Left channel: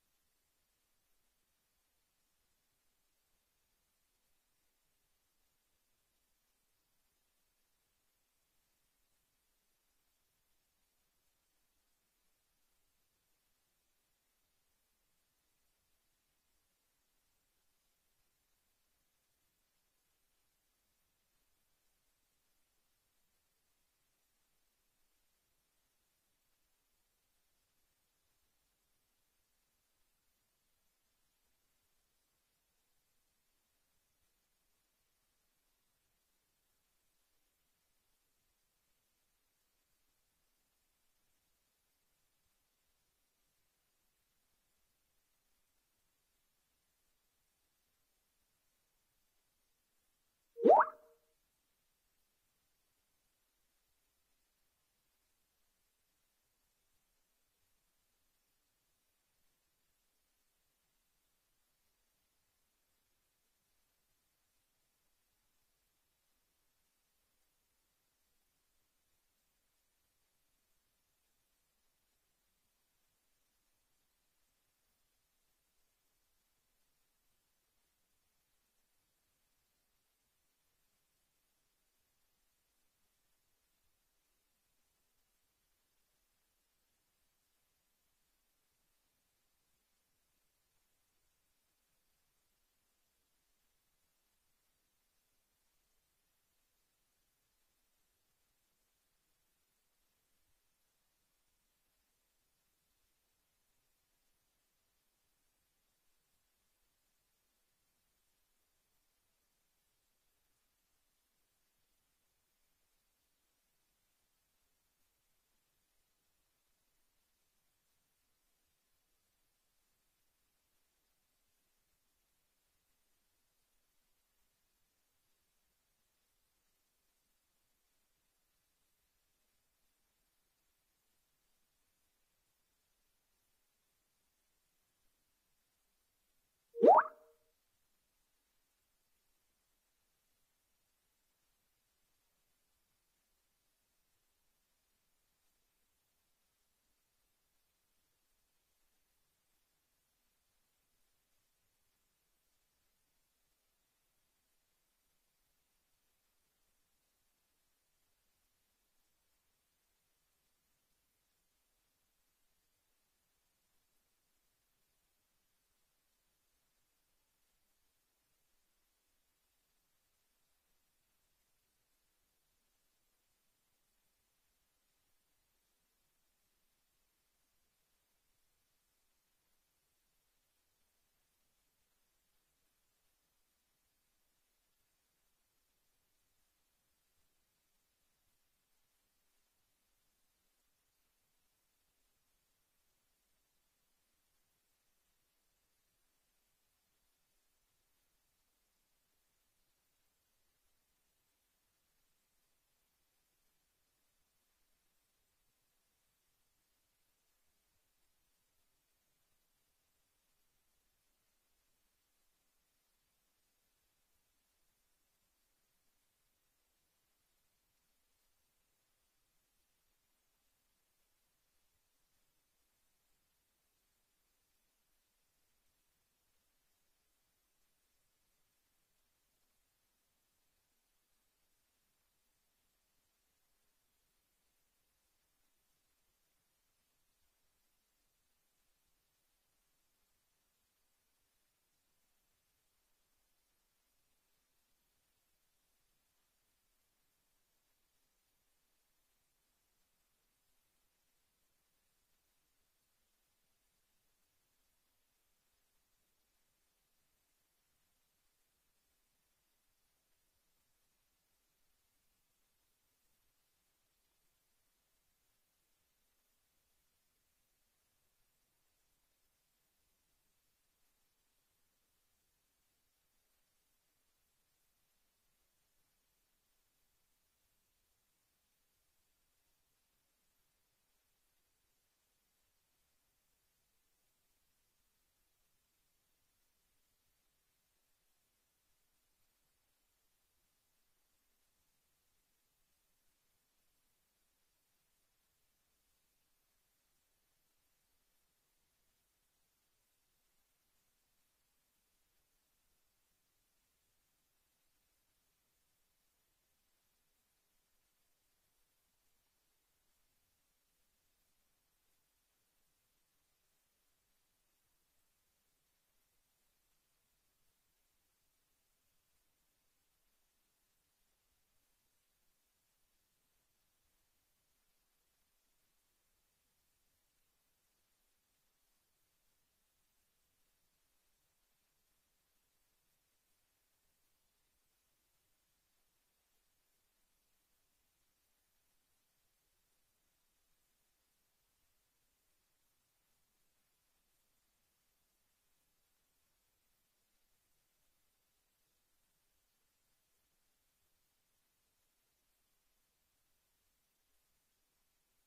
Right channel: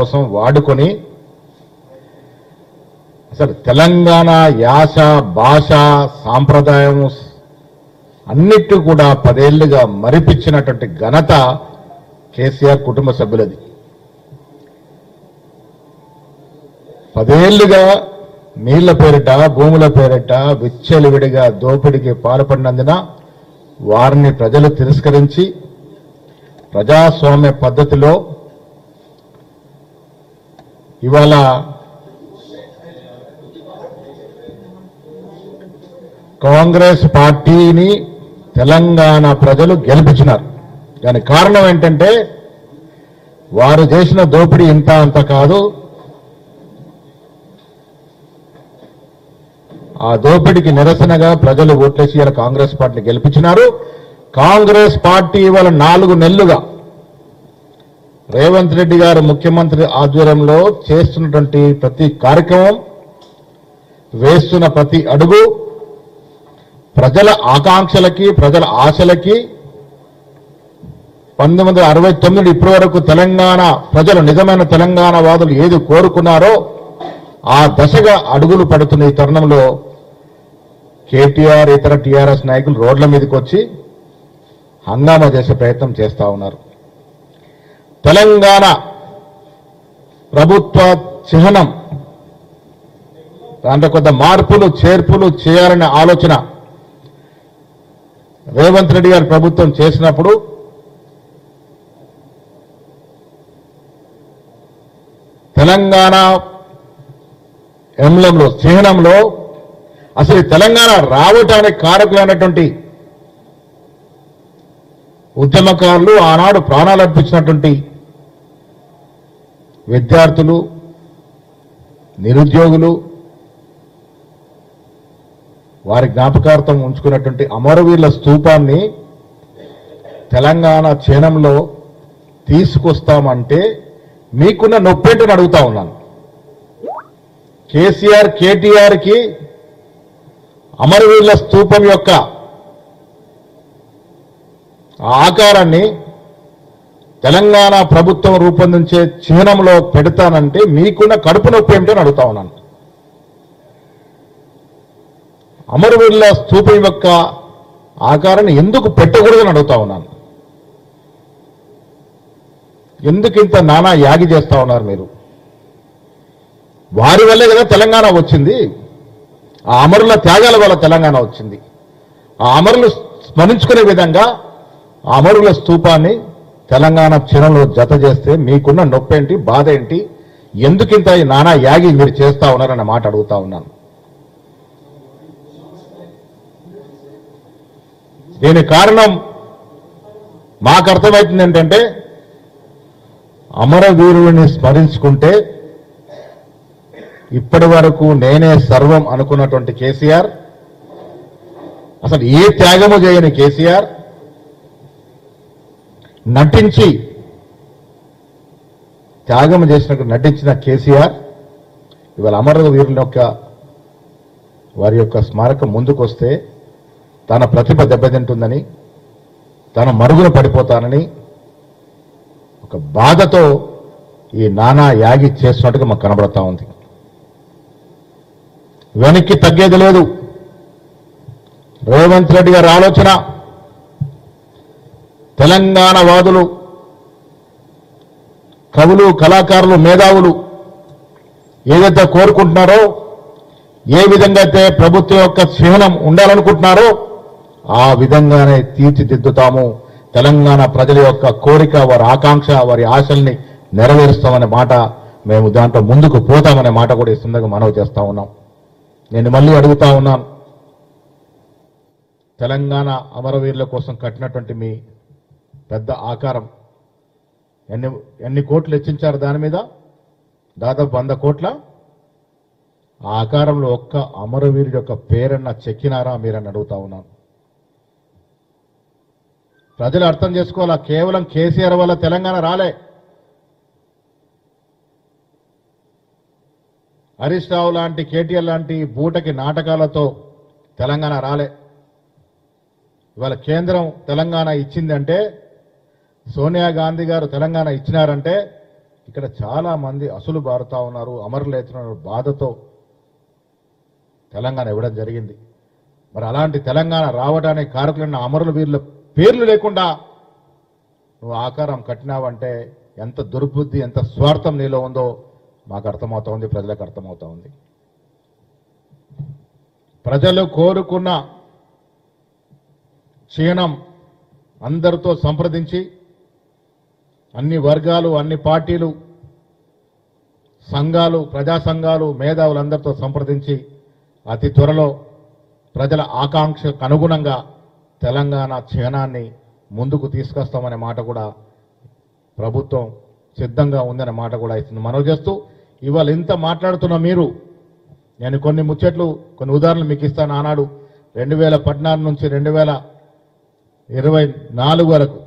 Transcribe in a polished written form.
కోసం వాడుకొని అసలు తెలంగాణ యాస భాష సాంప్రదాయం అన్నిటి కూడా 10 ఏళ్లుగా మరిపించినటువంటి ఘనత కేసీఆర్ కుటుంబ సభ్యులది. 10 ఏళ్లుగా నీళ్ల పేరిట భూముల పేరిట విచ్చలవిడిగా దోపిడీకి పాల్పడినందున వారిని ప్రజలు తిరస్కరించి ప్రజాస్వామ్య పద్ధతిలో ఇవాళ కాంగ్రెస్ పార్టీని తెలంగాణ ప్రజలు గెలిపించినారు. దానికి కారణం ఏంటంటే వారు చేసిన దోపిడీ ఇంత అంత కాదు, ఆ దోపిడీకి నిరసనగా ప్రజలు ఓట్లేసి ఇలా కాంగ్రెస్ పార్టీని గెలిపించినారు. కాంగ్రెస్ పార్టీ ఇవాళ 4 నెలలుగా రేవంత్ రెడ్డి గారు ముఖ్యమంత్రి ఆధ్వర్యంలో చేస్తున్నటువంటి ప్రతి కార్యక్రమం, వేస్తున్న ప్రతి అడుగు ప్రజల ఆకాంక్షలకి ప్రజల ఆశలకి 1969 ఇప్పటి వరకు తెలంగాణ ప్రజలు నిజమైన తెలంగాణ వాదులు ఏది కోరుకున్నారో ఆ దశగా అడుగులు పడుతున్న ఈ తరుణంలో కేటీఆర్ ఇతర టీఆర్ఎస్ నాయకులు రోడ్ల మీదకి వచ్చి హంగామా చేసే ప్రయత్నం చేస్తా ఉన్నారు. తెలంగాణ ప్రభుత్వ చిహ్నం దాంట్లో కొంత మార్పులు చేర్పులు చేయాలనే ఆలోచన రేవంత్ రెడ్డి గారి ప్రభుత్వం చేసినప్పుడు తెలంగాణ ఎంబ్లంలో చిహ్నంలో అసలు తెలంగాణ రావటానికి కారకులైనటువంటి ఉద్యమకారులు ఆనాడు ప్రాణాలు అర్పించినటువంటి విద్యార్థులు, నిరుద్యోగులు, వారి జ్ఞాపకార్థం ఉంచుకున్నటువంటి అమరవీరుల స్తూపాన్ని తెలంగాణ చిహ్నంలో తీసుకొస్తామంటే మీకున్న నొప్పేంటని అడుగుతా ఉన్నాను. కేసీఆర్ కేటీఆర్కి అమరవీరుల స్తూపం యొక్క ఆకారాన్ని తెలంగాణ ప్రభుత్వం రూపొందించే చిహ్నంలో పెడతానంటే మీకున్న కడుపు నొప్పి ఏమిటో అడుగుతా ఉన్నాను. అమరవీరుల స్తూపం యొక్క ఆకారాన్ని ఎందుకు పెట్టకూడదని అడుగుతా ఉన్నాను. ఎందుకు ఇంత నానా యాగి చేస్తా ఉన్నారు మీరు? వారి వల్లే కదా తెలంగాణ వచ్చింది. ఆ అమరుల త్యాగాల వల్ల తెలంగాణ వచ్చింది. ఆ అమరులు స్మరించుకునే విధంగా ఆ అమరుల స్తూపాన్ని తెలంగాణ చిహ్నంలో జత చేస్తే మీకున్న నొప్పి ఏంటి, బాధ ఏంటి, ఎందుకింత నానా యాగి మీరు చేస్తా ఉన్నారన్న మాట అడుగుతా ఉన్నాను. దీనికి కారణం మాకు అర్థమవుతుంది ఏంటంటే అమరవీరుని స్మరించుకుంటే ఇప్పటి వరకు నేనే సర్వం అనుకున్నటువంటి కేసీఆర్, అసలు ఏ త్యాగము చేయని కేసీఆర్, నటించి త్యాగం చేసినట్టు నటించిన కేసీఆర్ ఇవాళ అమరవీరుల యొక్క వారి యొక్క స్మారకం ముందుకొస్తే తన ప్రతిభ దెబ్బతింటుందని, తన మరుగున పడిపోతానని ఒక బాధతో ఈ నానా యాగి చేస్తున్నట్టుగా మాకు కనబడతా ఉంది. వెనక్కి తగ్గేది లేదు. రేవంత్ రెడ్డి గారి ఆలోచన తెలంగాణ వాదులు, కవులు, కళాకారులు, మేధావులు ఏదైతే కోరుకుంటున్నారో, ఏ విధంగా అయితే ప్రభుత్వం యొక్క చిహ్నం ఉండాలనుకుంటున్నారో ఆ విధంగానే తీర్చిదిద్దుతాము. తెలంగాణ ప్రజల యొక్క కోరిక, వారి ఆకాంక్ష, వారి ఆశల్ని నెరవేరుస్తామనే మాట, మేము దాంట్లో ముందుకు పోతామనే మాట కూడా ఈ సందర్భంగా మనవి చేస్తా ఉన్నాం. నేను మళ్ళీ అడుగుతా ఉన్నాను, తెలంగాణ అమరవీరుల కోసం కట్టినటువంటి మీ పెద్ద ఆకారం ఎన్ని కోట్లు వెచ్చించారు? దాని మీద దాదాపు 100 కోట్ల. ఆ ఆకారంలో ఒక్క అమరవీరుడి యొక్క పేరన్న చెక్కినారా మీరని అడుగుతా ఉన్నాను. ప్రజలు అర్థం చేసుకోవాలా, కేవలం కేసీఆర్ వల్ల తెలంగాణ రాలే. హరీష్ రావు లాంటి, కేటీఆర్ లాంటి బూటకి నాటకాలతో తెలంగాణ రాలే. ఇవాళ కేంద్రం తెలంగాణ ఇచ్చిందంటే, సోనియా గాంధీ గారు తెలంగాణ ఇచ్చినారంటే ఇక్కడ చాలా మంది అసలు బారుతా ఉన్నారు, అమరులైతున్నారు, బాధతో తెలంగాణ ఇవ్వడం జరిగింది. మరి అలాంటి తెలంగాణ రావడానికి కారకులైన అమరుల వీరుల పేర్లు లేకుండా నువ్వు ఆకారం కట్టినావంటే ఎంత దుర్బుద్ధి, ఎంత స్వార్థం నీలో ఉందో మాకు అర్థమవుతా ఉంది, ప్రజలకు అర్థమవుతా ఉంది. ప్రజలు కోరుకున్న క్షీణం అందరితో సంప్రదించి అన్ని వర్గాలు, అన్ని పార్టీలు, సంఘాలు, ప్రజా సంఘాలు, మేధావులందరితో సంప్రదించి అతి త్వరలో ప్రజల ఆకాంక్షకు అనుగుణంగా తెలంగాణ క్షీణాన్ని ముందుకు తీసుకొస్తామనే మాట కూడా ప్రభుత్వం సిద్ధంగా ఉందనే మాట కూడా ఇస్తుంది. మనవి చేస్తూ ఇవాళ ఇంత మాట్లాడుతున్న మీరు, నేను కొన్ని ముచ్చట్లు, కొన్ని ఉదాహరణలు మీకు ఇస్తాను. ఆనాడు 2014 నుంచి 2024 వరకు